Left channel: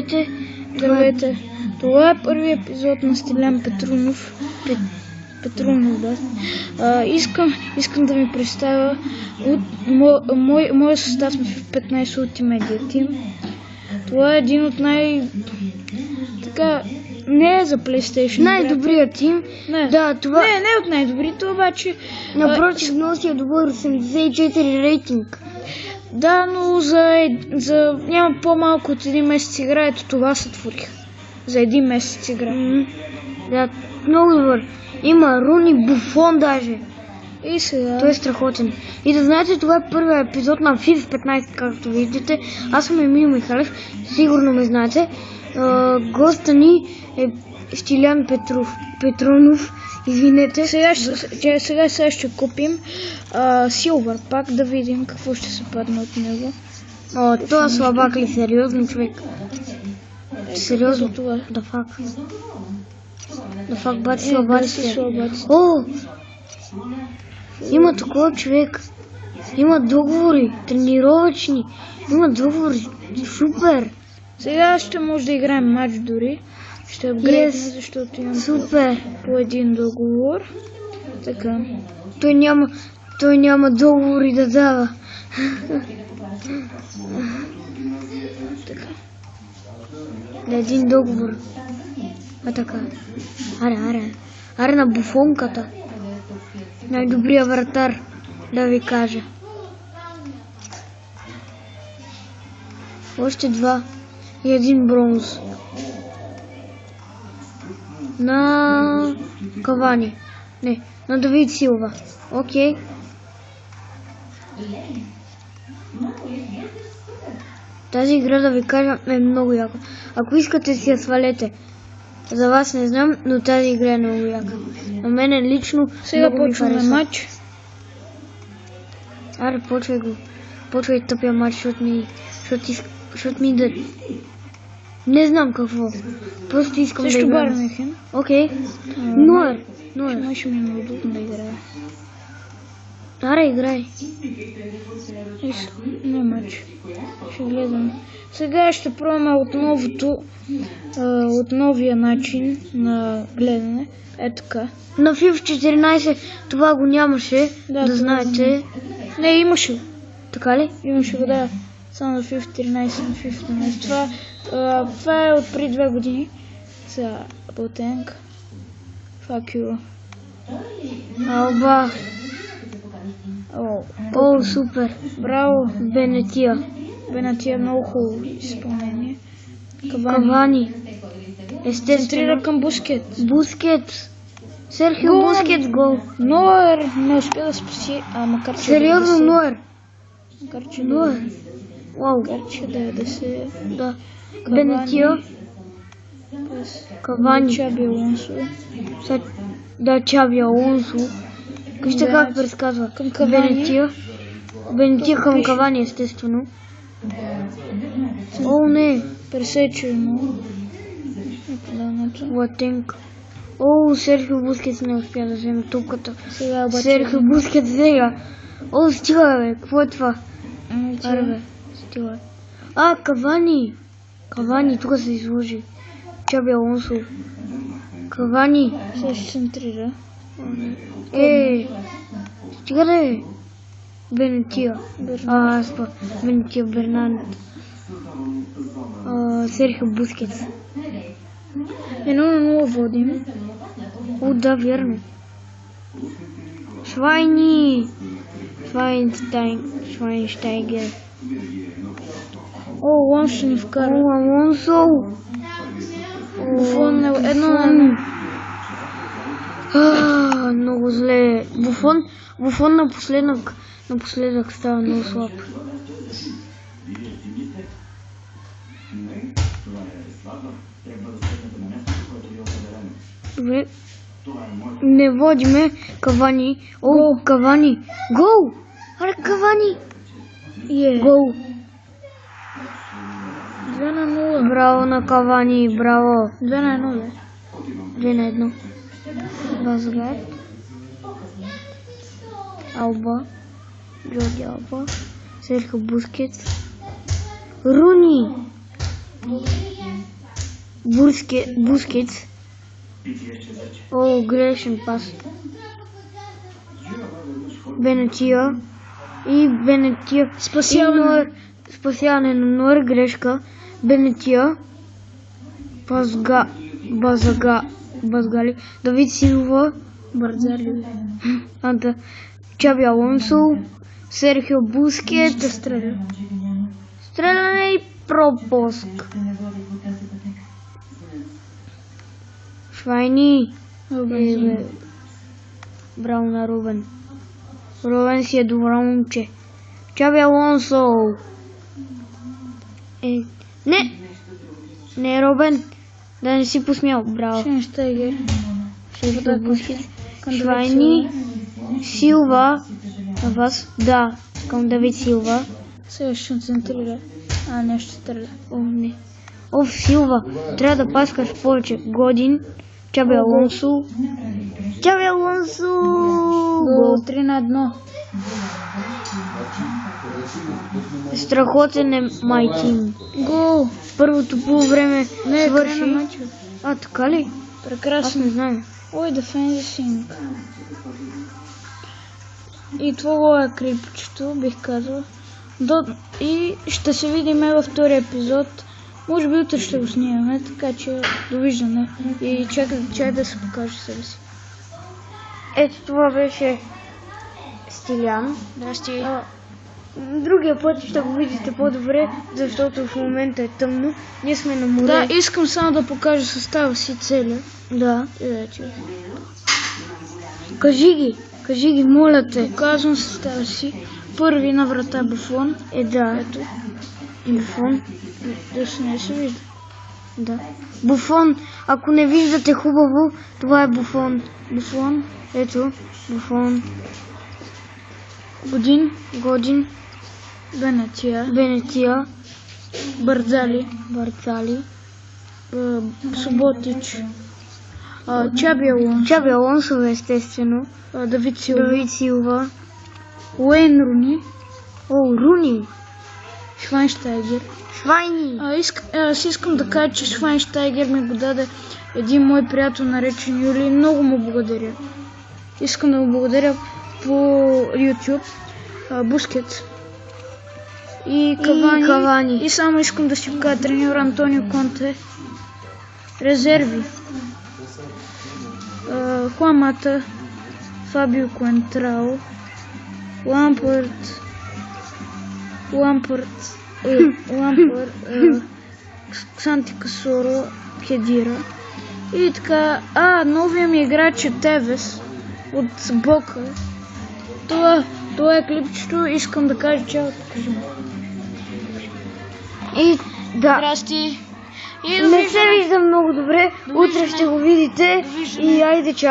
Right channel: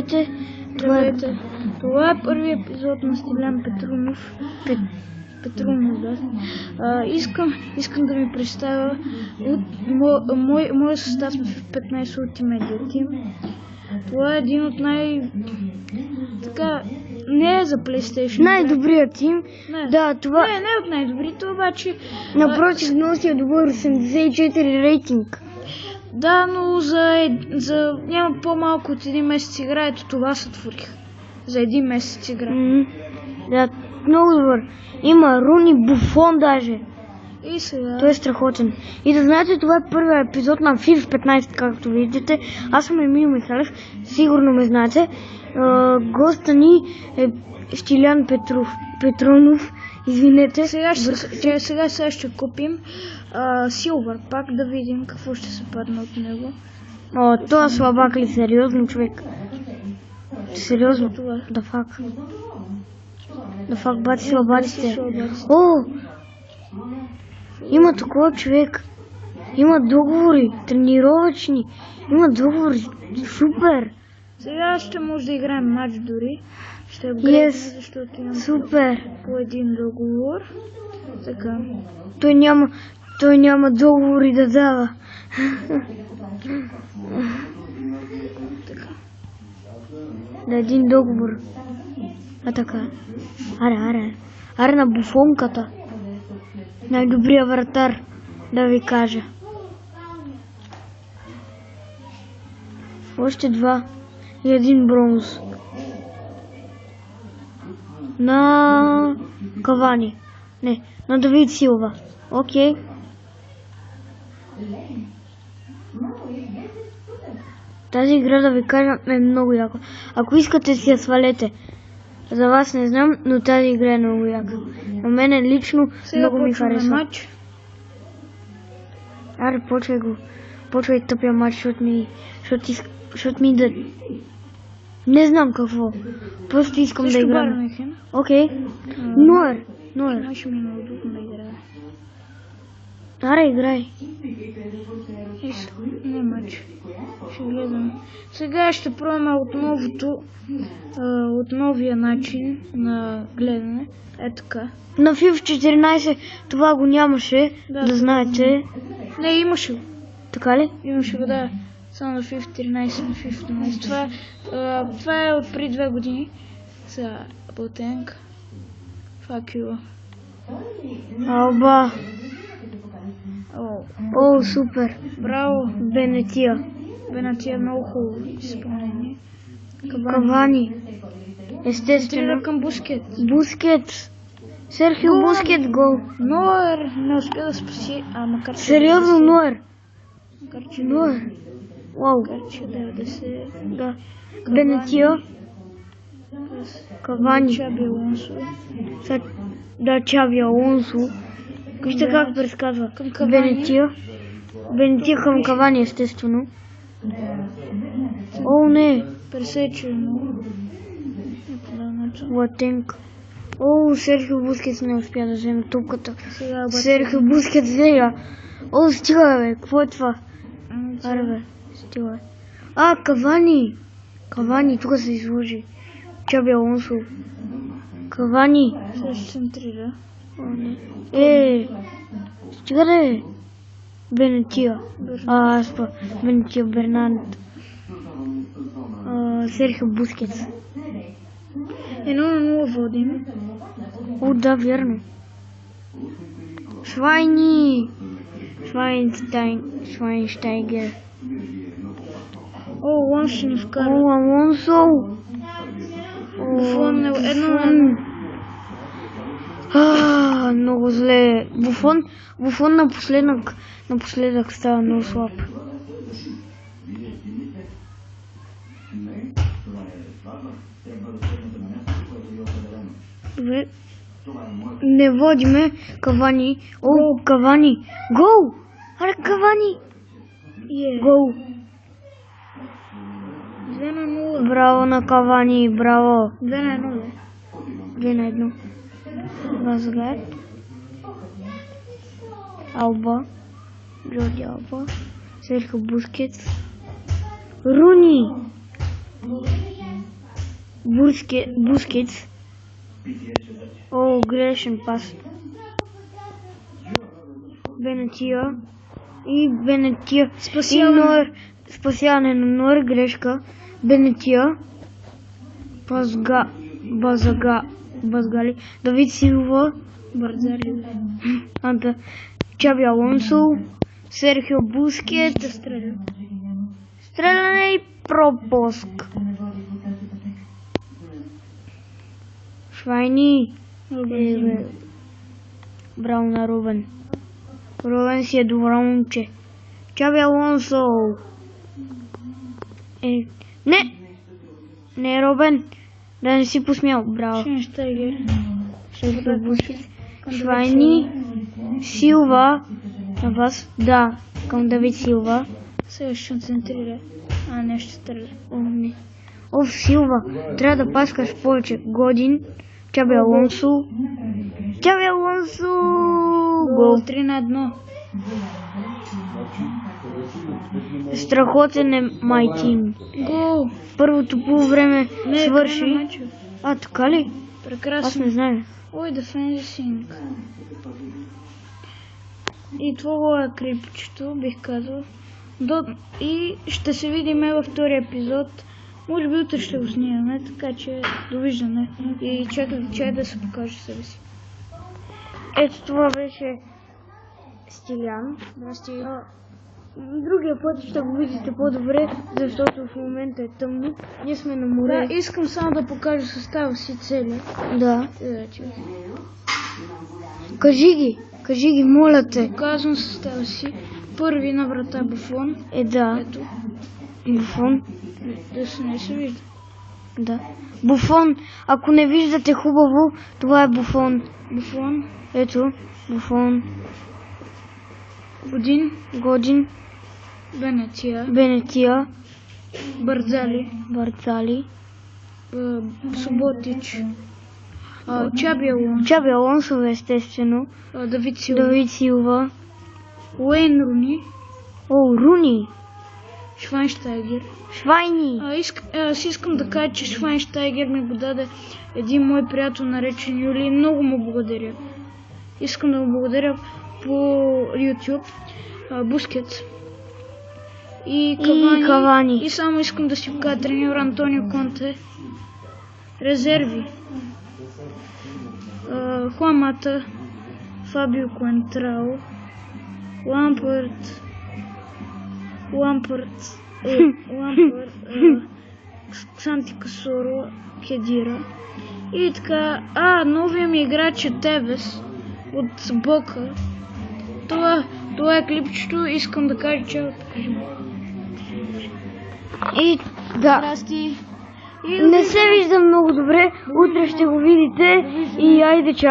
Здравейте. Здравейте. Това е първият епизод на Стилян Петрунов. Да. Искам да ви представя от моя състав на 15 Ultimate Team. Това е един от не е за PlayStation. Най-добрият тим. Не. Да, това... Не от най-добрите, обаче... Напротив, носи добър 84 рейтинг. Да, но няма по-малко от един месец игра, ето това сътворих. За един месец игра. Да, много добър. Има Руни, Буфон даже. И сега... Той е страхотен. И да знаете, това е първият епизод на FIFA 15, както виждате. Аз съм Емил Михалев, сигурно ме знаете. Госта ни е Стилян Петрунов. Извинете. Сега ще купим Силвър пак, да видим какво ще се падне от него. Това слабак ли? Сериозно, човек? Сериозно? Да фак. Да фак, бати слабаците. Има такова, човек. Има договори, тренировъчни. Има договори. Супер. Сега ще може да играем матч дори. Ще апгрейдне, защото имам по един договор. Така. Той няма договори да дава. Така. На един договор. Така. Аре на Буфонката. Най-добрия вратар, да ви кажа. Още 2 и 1 бронз. На Кавани. Не, на Давид Силва. Окей. Тази игра, да ви кажа, е много яка. Ако искате, си я свалете. За вас не знам, но тази игра е много яка. На мен лично... Сега почваме матч. Аре, почвай тъпия матч, защото ми да... Не знам какво. Просто искам да играм. Също Бармехен. Окей. Ноер. Ще ми е неудобно да играя. Аре, играй. Не матч. Ще гледам. Сега ще пробваме от новия начин на гледане. Е така. На FIFA 14 това го нямаше, да знаете. Не, имаше. Така ли? Имаше го, да. Само на FIFA 13, на FIFA 15. Това е от преди 2 години. Сега, Ботенг. Fuck you. Алба. О, супер. Браво. Бенетия, много хубаво изпълнение. Кавани. Естествено. Центрира към Бускетс. Серхио Бускетс гол. Ноер не успя да спаси, макар че... Сериозно Ноер. Ноер. Вау. Макар че 90... Да. Бенетия. Кавани. Чаби Алонсо. Да, Чаби Алонсо. Вижте как предсказва. Бенетия към Кавани, естествено. О, не. Пресечено. Латенк. О, Серхио Бускетс не успя да вземе топката. Серхио Бускетс взега. О, стига, бе. Какво е това? Аре, бе. Стига, бе. Кавани. Кавани, тук се изложи. Чаби Алонсо. Кавани. Сега ще центрира. Стига, бе. Бенетия. Бенетия Бернанд. Серхио Бускетс. 1-0 водим. Да, верно. Швайнштайгер. Алонсо ще ни вкара. Алонсо. Буфон 1-1. Много зле. Буфон напоследък става много слаб. Добре. Не водиме. Кавани. Кавани. Гол! Аре, Кавани! Гол! 2-0. Браво на Кавани, браво! 2-1. 2-1. Възглед. Алба. Джорди Алба. Серхио Бускетс. Руни! Бускетс. О, грешен пас. Бенетия. И Бенетия. Спасяване на Нойер, грешка. Бенетия. Базгали. Давид Силва. Бързали. Чаби Алонсо. Серхио Бускетс. Ще стреля. Стреляне и пропуск. Швайни. Браво на Рубен. Рубен си е добро момче. Чаби Алонсо. Не, Рубен. Да не си посмял. Браво. Швайнштайгер. Швайни. Силва. На вас. Да. Към Давид Силва. Сега ще центрира. Не ще стреля. Не. Силва. Трябва да паскаш повече. Годин. Чаби Алонсо. Гол 3-1. Страхотен е Майтин. Гол. Първото полувреме свърши. Край на мача. Така ли? Прекрасно. Аз не знам. Ой, дефендинг. И това е крипчето, бих казал. И ще се видим във втория епизод. Може би утре ще го снимаме, така че довиждане. И чакай да се покаже себе си. Ето това беше Стилян. Здрасти. Другия път ще го видите по-добре, защото в момента е тъмно. Ние сме на море. Да, искам само да покажа състава си целия. Да. Вече. Кажи ги, моля те. Показвам състава си. Първи на врата Буфон. Да. Ето. Буфон. Да се не се вижда. Да. Буфон. Ако не виждате хубаво, това е Буфон. Буфон. Ето. Буфон. Годин. Бенетия. Бързали. Суботич. Чаби Алонсо, естествено. Давид Силва. Уейн Руни. Руни. Швайнштайгер. Швайни. Аз искам да кажа, че Швайнштайгер ми го даде един мой приятел, наречен Юли. Много му благодаря. Искам да му благодаря по YouTube. Бускетс. И Кавани. И само искам да си покажа треньор Антонио Конте. Резерви. Хуамата. Фабио Куентрао. Лампард. Санти Касоро. Хедира. И така. Новия ми играч е Тевес от Бока. Това е клипчето. Искам да кажа чао. И да. Здрасти. Не се вижда много добре. Утре ще го видите. И айде чао.